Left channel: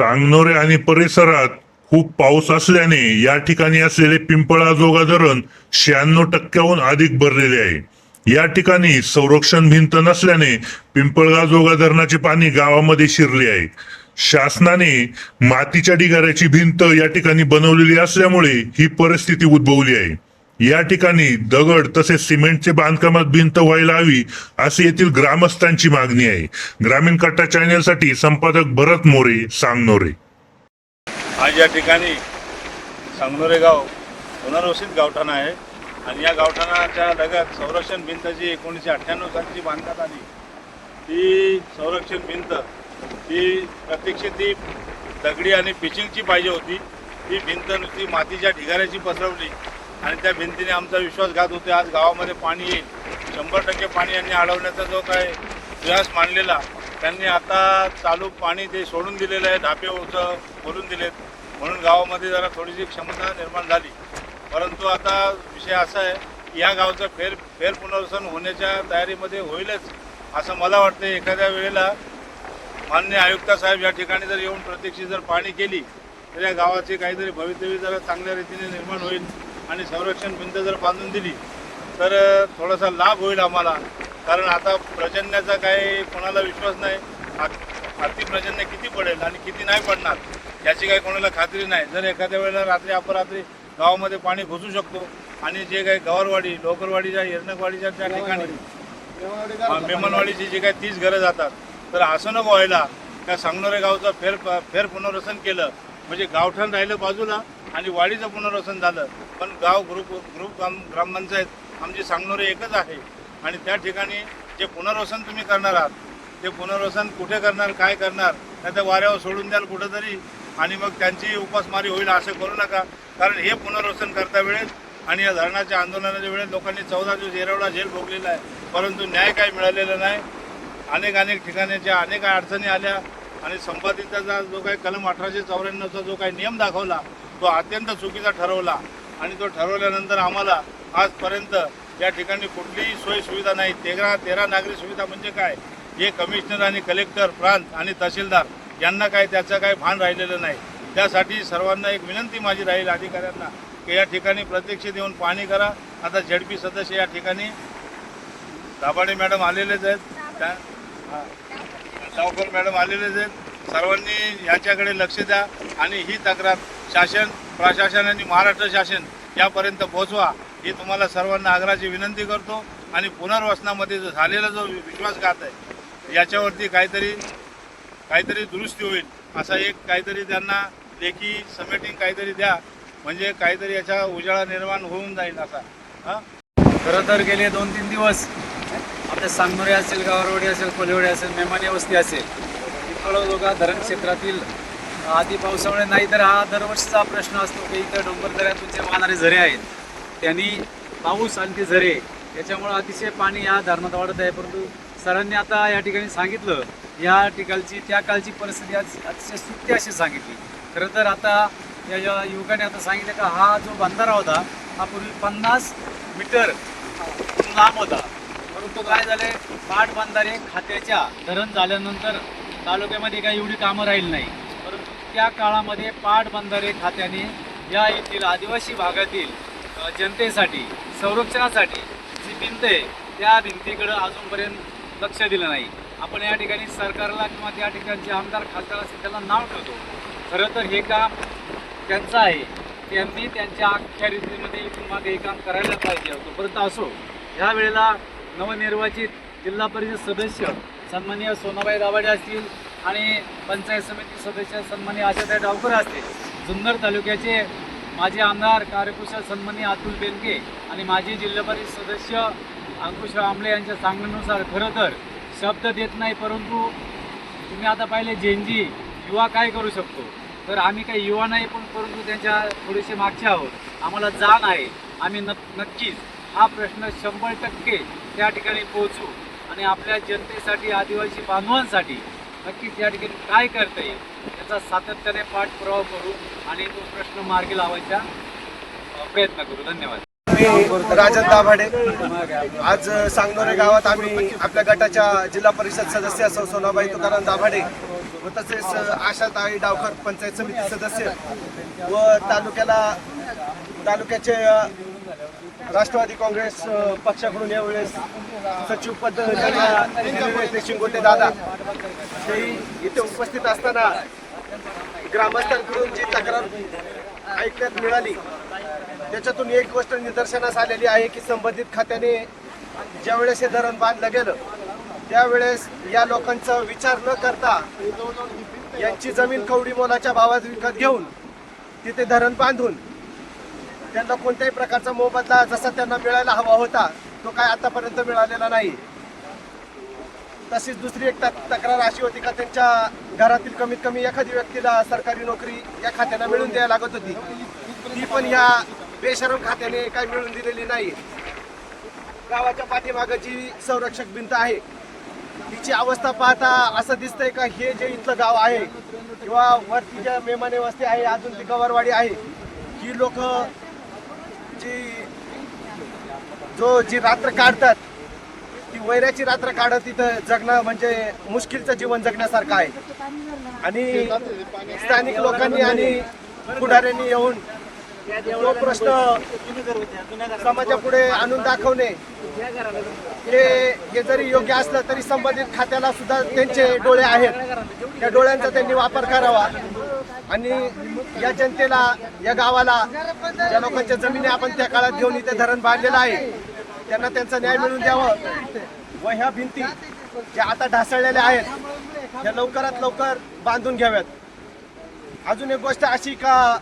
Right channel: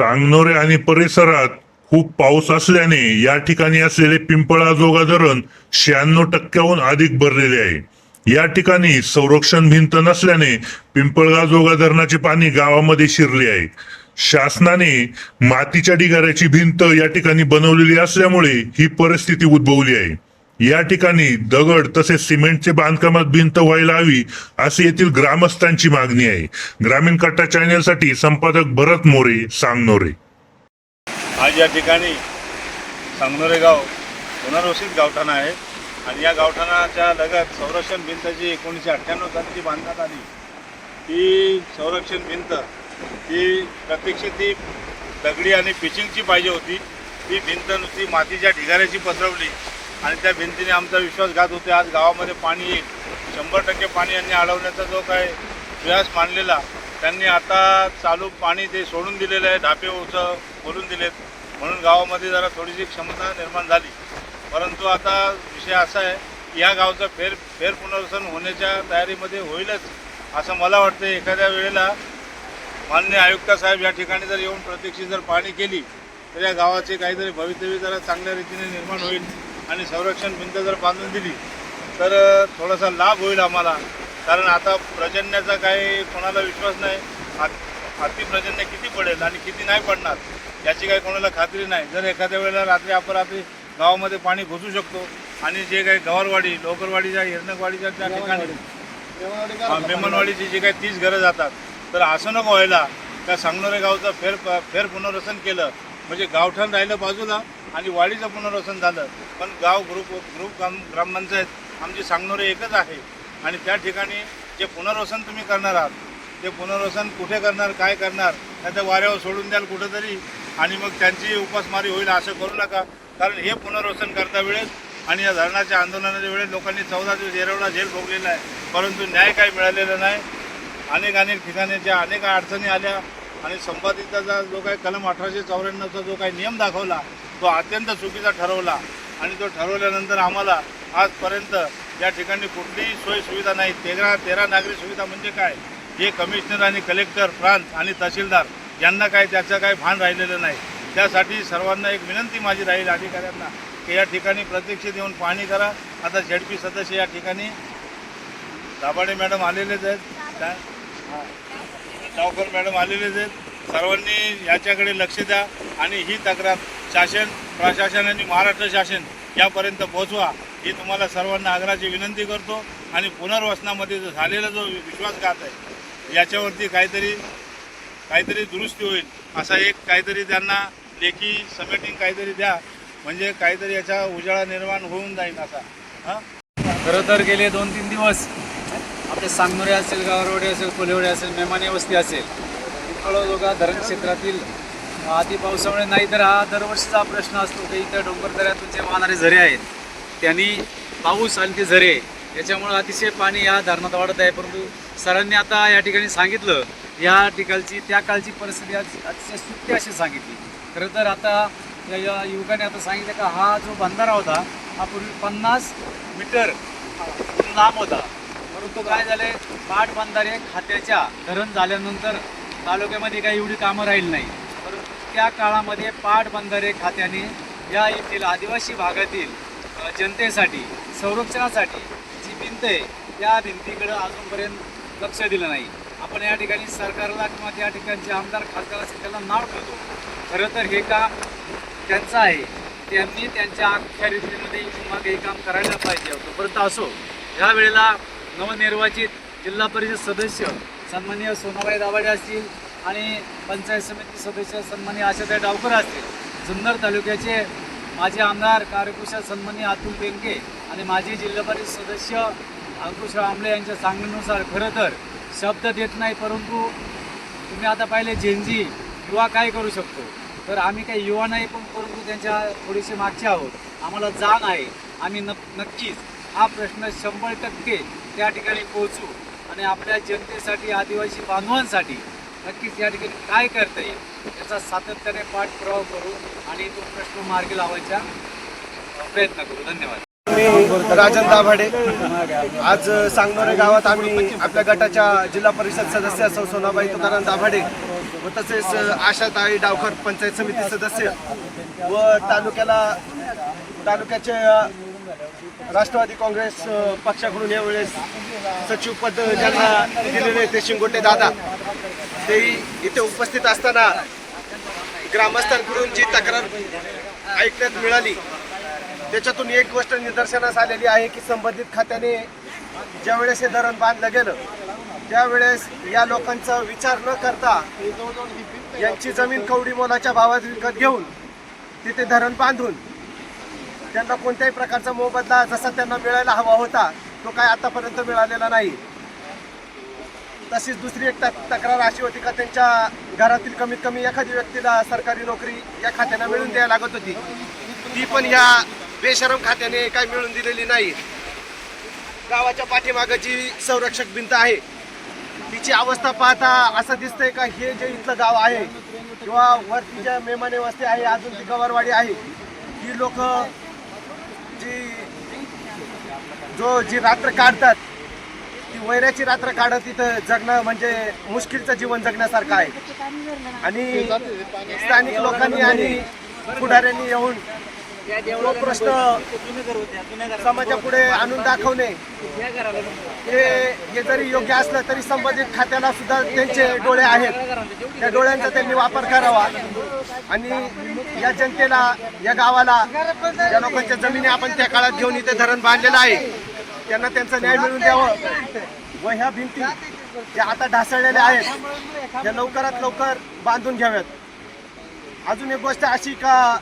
सांगनोरे आणि परिसरात खूप पाऊस असल्याने या ठिकाणी असलेले पिंपळाजोगा धरण 96% अधिक भरलेले आहे. या ठिकाणी संरक्षण भिंत नसल्याने पिंपळगाजोगा धरणाचे पाणी गावामध्ये शिरले आहे. शासनाने मातीच्या ढिगाऱ्याची भिंत या ठिकाणी बनवलेली असल्यामुळे ही परिस्थिती उद्भवली आहे. या ठिकाणी दगड तसेच सिमेंटचे बांधकामात भिंत व्हायला हवी अशी येथील ग्रामस्थांची मागणी आहे. ग्रामीण कट्टा चॅनेलसाठी संपादक भरत मोरे, सांगनोरे. आज या ठिकाणी सांगनोरे गाव पुनर्वसित गावठाण आहे आणि या गावठाणाच्या लगत संरक्षण भिंत जी 1998 साली बांधण्यात आली, ही संरक्षण भिंत ही प्रत्यक्षात ती दगडी आणि पिचिंगची पाहिजे होती. ती भिंत नुसती मातीच्या ढिगाऱ्याची पसरवली आणि त्या भिंतीने आमचा विश्वासघात होते. आज गावामध्ये पाणी येईल, 100% पाणी यांनी अडवण्याचा जो काय प्रयास मांडलेला, त्यांनी आता चालू पाणी ते सोडून दिलेलं आहे. ढापे ओझं भरून दिलेत म्हणून गावामध्ये जरा थोडीशी क्षमता निर्माण झाली. परंतु आता विषय असा आहे की या गावचं फेर पुनर्वसन होण्याच्या तयारीमध्ये होईलच असं मला वाटतं. एखाद्या वेळेला माननीय आयुक्त साहेब या ठिकाणी जर येऊन प्रत्यक्ष जर पाहणी केली तर या गावाचे काहीतरी भवितव्य जरा चांगल्या रीतीने निर्माण होईल आणि संरक्षण भिंत जर बांधून दिली तर थोडासा लाभ होईल आम्हाला. कारण आता प्रजन्याचा काही कोणाला विश्वास नाही. हाती प्रजन्य किती पडेल आणि किती नाही पडणार याची काही कोणाला खात्री नाही. जर एखाद्या वेळेला रात्री अपरात्री गावामध्ये पाणी घुसू शकतो आणि जे काही गवारवाडी, लोकरवाडीच्या, हिरनकवाडीच्या त्या ठिकाणी मेमनवाडीची जे काही 30 घरं जातात, तर असं नको व्हायला. त्या सांगनोरे गावचं फेर पुनर्वसन केलं म्हणजे गावठाण राहिलं बाजूला आणि वाडीचं पुनर्वसन झालं. पण गाव ग्रुप ग्रामपंचायत आमची सांगनोरे एकच आहे आणि त्या ठिकाणी जे पुनर्वसन तुम्ही करणार आहात ते पुनर्वसन कुठे करणार, काय करणार, नाही तर वाऱ्यावर सोडून द्याल कुठंतरी आणि मग त्यांची उपासमारी होईल असं करू नका. कारण हे पुनर्वसन करता वेळेस आणि या धरणाच्या आंदोलनाच्या वेळेस लोकांनी 14 दिवस येरवडा जेल भोगलेला आहे, परंतु न्याय काही मिळालेला नाही. अनेक ठिकाणीच्या अनेक अडचणी आल्या आणि संपादिताचा जो काही कलम 1894चा जो काही नियम दाखवला तो अत्यंत चुकीचा ठरवला आणि तो ठरवल्यानंतर आम्हाला आजपर्यंत या ठिकाणी कुठलीही सोय सुविधा नाही. 13 नागरी सुविधा म्हणजे काय हे कमिशनर आणि कलेक्टर प्रांत आणि तहसीलदार यांना काय त्याचं काय भान राहिलेलं नाही. त्यासाठी सर्वांना एक विनंती माझी राहील अधिकाऱ्यांना की या ठिकाणी प्रत्यक्ष येऊन पाहणी करा. आता ZP सदस्य या ठिकाणी दाभाडे मॅडम आलेलेच आहेत, डावकर मॅडम आलेलेच आहेत. सर्वांनी याच्याकडे लक्ष द्या आणि ही तक्रार शासन, प्रशासन आणि महाराष्ट्र शासन यापर्यंत पोहोचवा ही तुम्हाला सर्वांना आग्रहाची विनंती करतो. आणि पुनर्वसनामध्ये जो झालेला जो विश्वासघात आहे याच्यावरती काहीतरी दुरुस्ती होईल असा एक काहीतरी त्यांना लेखी समेटिंग काहीतरी द्या म्हणजे काहीतरी याचा उजाळा निर्माण होऊन जाईल असा. खरं तर गेले 2-3 दिवस आपले सांगनोरे असेल, गावरवाडी असेल, कोलेवाडी असेल, मेमानी वस्ती असेल, पिंपळगाजोगा धरण क्षेत्रातील अति पावसामुळे नाही तर हा दरवर्षीचा प्रश्न असतो की इथं डोंगर दऱ्यातून जे वाहणारे झरे आहेत त्यांनी पाऊस आणि ते झरे याच्यामुळे अतिशय पाणी या धरणात वाढत आहे. परंतु सरांनी आता या ठिकाणी सांगितलं या ठिकाणची त्या कालची परिस्थिती अतिशय सुट्टी अशी सांगितली. खरं तर आता या युवकाने आता सांगितलं का हा जो बंधारा होता हा पूर्वी 50 मीटर लांब होता, परंतु काय झाले पाटबंधारे खात्याच्या धरण झाल्यानंतर तालुक्यामध्ये काही एवढी कामं राहील नाही. परंतु त्या काळामध्ये पाटबंधारे खात्याने या येथील आदिवासी भागातील जनतेसाठी संरक्षणासाठी जी भिंत आहे त्या भिंतीकडं अजूनपर्यंत लक्ष दिलं नाही. आपण या ठिकाणी सरकारला किंवा त्या ठिकाणचे आमदार खासदार असेल त्यांना नाव ठेवतो. खरं तर हे काम त्यांचं आहे, त्यांनी त्यांच्या अखत्यारीतेमध्ये मागे हे काम करायला पाहिजे होतं. परंतु असो, ह्या वेळेला नवनिर्वाचित जिल्हा परिषद सदस्य सन्माननीय सोनाबाई दाभाडे असतील आणि पंचायत समिती सदस्य सन्माननीय आशाताई डावकर असतील, जुन्नर तालुक्याचे माजी आमदार कार्यकुशल सन्माननीय अतुल बेनके आणि माजी जिल्हा परिषद सदस्य अंकुश आमले यांच्या सांगण्यानुसार खरं तर शब्द देत नाही, परंतु तुम्ही आता पाहिले जेनजी युवा काय करू शकतो. तर आम्ही काही युवा नाही, पण परंतु त्यांच्या थोडेसे मागचे आहोत. आम्हाला जाण आहे, आम्ही नक्कीच हा प्रश्न 100% त्या ठिकाणी पोहोचू आणि आपल्या जनतेसाठी, आदिवासी बांधवांसाठी नक्कीच या ठिकाणी काय करता येईल त्याचा सातत्याने पाठपुरावा करू आणि तो प्रश्न मार्गी लावायचा प्रयत्न करू. धन्यवाद. मी राजन दाभाडे. आज सांगनोरे गावात आम्ही आपल्या गटाच्या जिल्हा परिषद सदस्य सोनाबाई तुकाराम दाभाडे व तसेच आशाताई डावकर पंचायत समिती सदस्य व तालुक्याचे राष्ट्रवादी काँग्रेस पक्षाकडून यावेळेस सचिव पद त्यांना दिलेले ते शिंगोटे दादा तेही इथे उपस्थित असताना ग्रामस्थांकडून जी तक्रार ऐकण्यात मिळाली त्याच्यातून एक गोष्ट निदर्शनास आलेली आहे की संबंधित खात्याने ज्यावेळेस हे धरण बांधलं गेलं त्यावेळेस या लोकांचा विचार न करता यांची जमीन कवडी मोलाच्या भावात विकत घेऊन तिथे धरण बांधून त्यांना कोणत्याही प्रकारचा मोबदला जसा त्यांना मिळायला हवा होता तो काय आतापर्यंत मिळालेला नाही. तशीच दुसरी एक तक्रार अशी होती का त्यांच्या घरातील कमीत कमी एखादी व्यक्तीला सरकारी नोकरी या खात्यानं मिळून द्यायला लागत होती ती पण या बेशरम खात्याने काय मिळून दिलेली नाही. गावाच्या पाठीमागे जी संरक्षक भिंत आहे तिची अवस्था पाहता असं दिसतंय का हे जे इथलं गाव आहे किंवा वरती ज्या मेमाने वस्ती आहे अजून ती गवारवाडी आहे ही लोक जी रात्र काढतात ती वैराची रात्र काढत इथं जगणं म्हणजे मुश्किलचं जीवन जगण्यासारखं आहे. आणि स्थानिक लोकांनी आणि पुढाऱ्यांनी येऊन तो प्रश्न समाजापुढे आणून दाखवणे हे जरी योग्य असलं तरी संबंधित खात्याला सुद्धा त्यांचे डोळे आहेत त्या डोळ्यांचा त्यांनी वापर करावा आणि या जनतेला या गावाला या लोकांच्या जमिनी आपण त्या काळात घेऊन इथे धरण बांधलेलं आहे त्यांना त्यांचा न्याय मिळवून द्यावं व ह्या भिंती ज्या आता ढासळलेल्या आहेत त्या लवकरात लवकर बांधून घ्याव्यात. अजून एक गोष्ट अशी का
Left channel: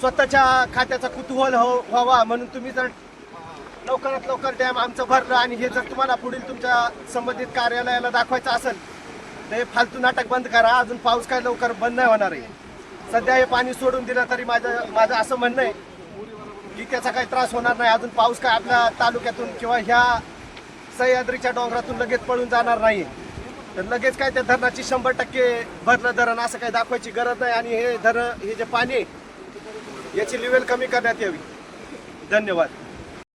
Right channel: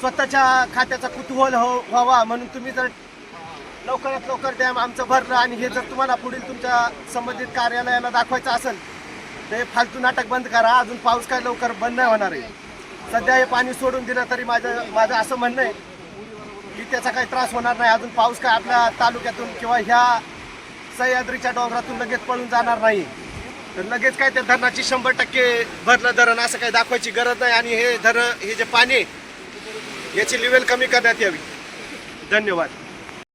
स्वतःच्या खात्याचा कुतूहल व्हावा म्हणून तुम्ही जर लवकरात लवकर डॅम आमचं भरलं आणि हे जर तुम्हाला पुढील तुमच्या संबंधित कार्यालयाला दाखवायचं असेल तर हे फालतू नाटक बंद करा. अजून पाऊस काय लवकर बंद नाही होणार आहे. सध्या हे पाणी सोडून दिलं तरी माझं असं म्हणणं आहे की त्याचा काही त्रास होणार नाही. अजून पाऊस काय आपल्या तालुक्यातून किंवा ह्या सह्याद्रीच्या डोंगरातून लगेच पळून जाणार नाही. तर लगेच काय त्या धरणाची 100% भरलं धरण असं काही दाखवायची गरज नाही. आणि हे जे पाणी याची लेवल कमी करण्यात यावी. धन्यवाद.